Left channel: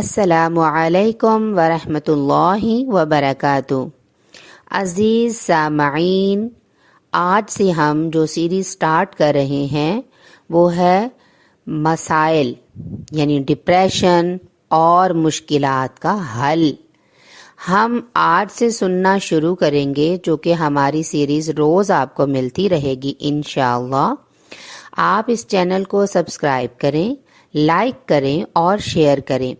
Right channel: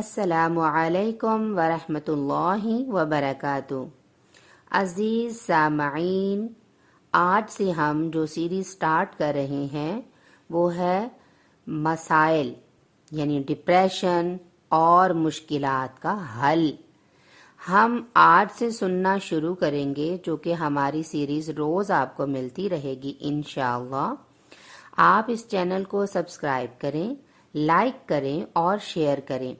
السلام علیکم ورحمۃ اللہ وبرکاتہ۔ عزیز سامعین، آج سے ہم جو سیریز سٹارٹ کر رہے ہیں وہ ہے مسائل یعنی ڈپریشن اور مشکلات کا حل۔ ہم آج سے سننا شروع کریں گے، جو کہ ہماری سیریز روز آپ کو ملتی رہے گی انشاءاللہ۔ آپ اس چینل کو سبسکرائب کریں، لائک کریں اور شیئر کریں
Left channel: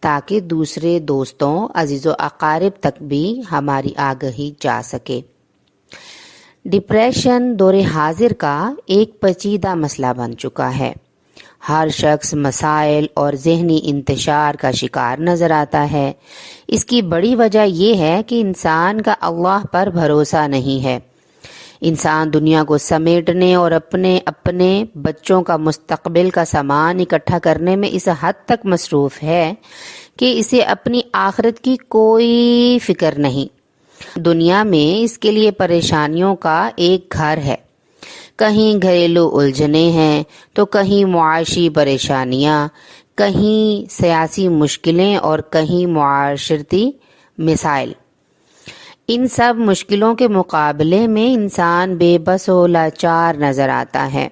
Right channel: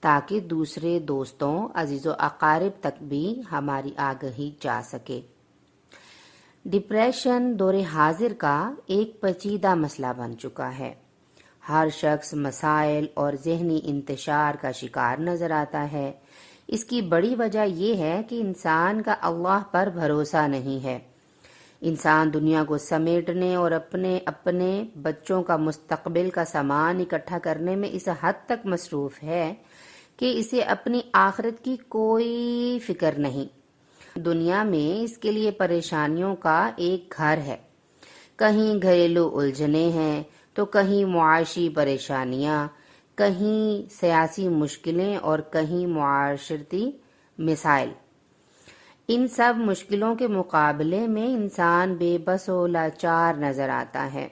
تاکہ دوسرے دوستوں، عزیز و اقارب تک بھی ہماری آگہی جا سکے۔ ڈپریشن دور حاضر کا ایک پیچیدہ مسئلہ بن چکا ہے۔ ہر شخص مسائل اور ذہنی انتشار کا شکار نظر آتا ہے۔ اس کی بڑی وجہ یہ ہے کہ انسان کا اللہ پر بھروسہ نہیں ہے۔ انسان دنیا کو سمیٹنے اور اپنے بچوں کا مستقبل کا سامان اکٹھا کرنے میں اس حد تک مصروف ہے کہ اسے اپنی آخرت کی کوئی فکر نہیں۔ دنیا میں اس کے لیے پریشانیوں کا ایک گھر ہے۔ کہیں گھریلو الجھنیں ہیں تو کہیں معاشی پریشانیاں، کہیں سیاسی مشکلیں اور کہیں معاشرتی مسائل۔ ان سب مشکلوں کے مقابلے میں انسان بے بس و لاچار نظر آتا ہے۔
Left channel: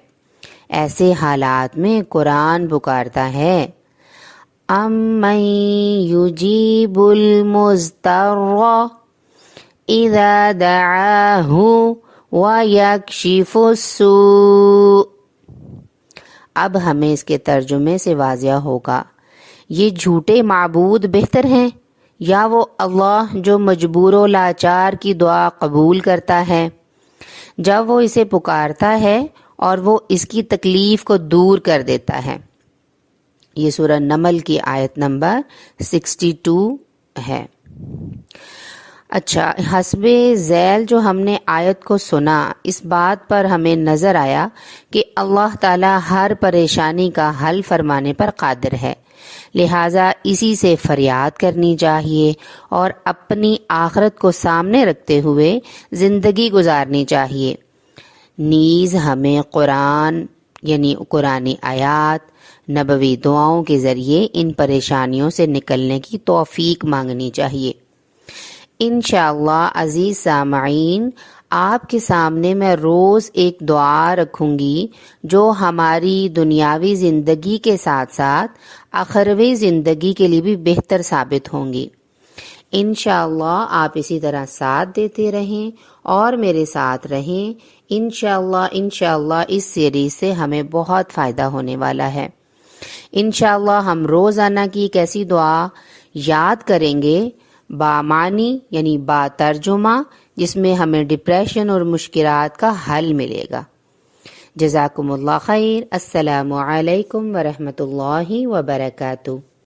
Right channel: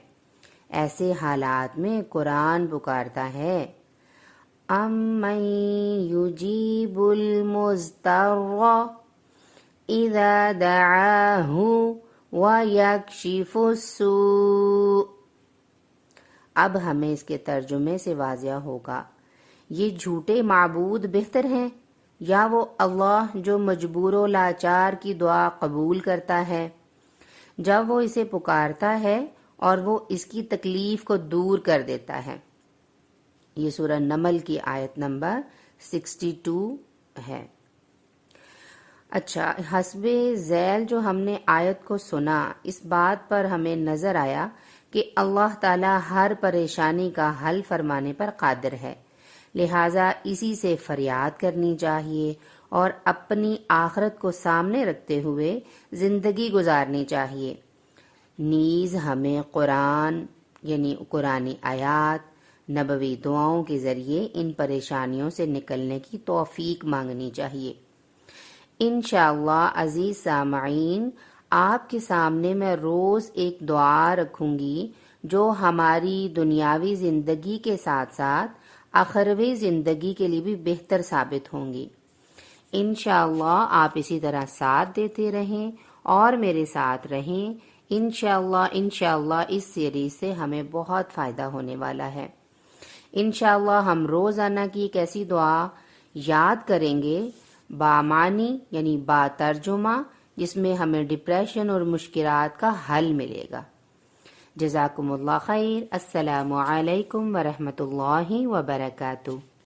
ایسے حالات میں قرآن پکارتا ہے، امن یجیب المضطر اذا دعاہ ویکشف السوء۔ اب ہمیں اس کے ترجمے سے واضح ہوگا، یہ جھوٹے معبود بہتر ہیں یا وہ اللہ جو مجبور و لاچار کی دعا قبول کرتا ہے جب وہ اسے پکارتا ہے اور وہ اس کی تکلیف کو دور کر دیتا ہے۔ یہ سورہ نمل کی آیت نمبر 62 ہے۔ اچھا، حسب ذیل جو ہم نے آیت کو سنا، اس بات پر ہمیں نظر آیا کہ اللہ تعالیٰ ہر پریشانی کا حل فرمانے پر قادر ہے، لہٰذا اسی سے فریاد کرنی چاہیے اور اپنی آخرت کو سامنے رکھتے ہوئے زندگی گزارنی چاہیے۔ نیز ہمیں قرآن یعنی قرآنی آیات، نبوی دعاؤں کے ذریعے ان پریشانیوں سے نکلنے کی توفیق مانگنی چاہیے۔ انشاءاللہ عزیز سامعین، آپ کے سامنے میں روز ایک دعا رکھوں گی جو ہماری دنیاوی زندگی کے ساتھ ساتھ آخروی زندگی کے لیے بھی بہتر ثابت ہوں گی۔ انشاءاللہ آپ اسی طرح ساتھ دیتے رہیں اور میرے ساتھ رہیں۔ انشاءاللہ اس سیریز سے ہمیں بہت فائدہ ہونے والا ہے۔ انشاءاللہ ہم روزانہ کی ایک ایسی دعا یاد کریں گے بامعنی یعنی با ترجمہ، جس میں ہمیں ڈپریشن اور مشکلات کا حل ملے گا۔ جزاکم اللہ خیر۔ السلام علیکم ورحمۃ اللہ وبرکاتہ۔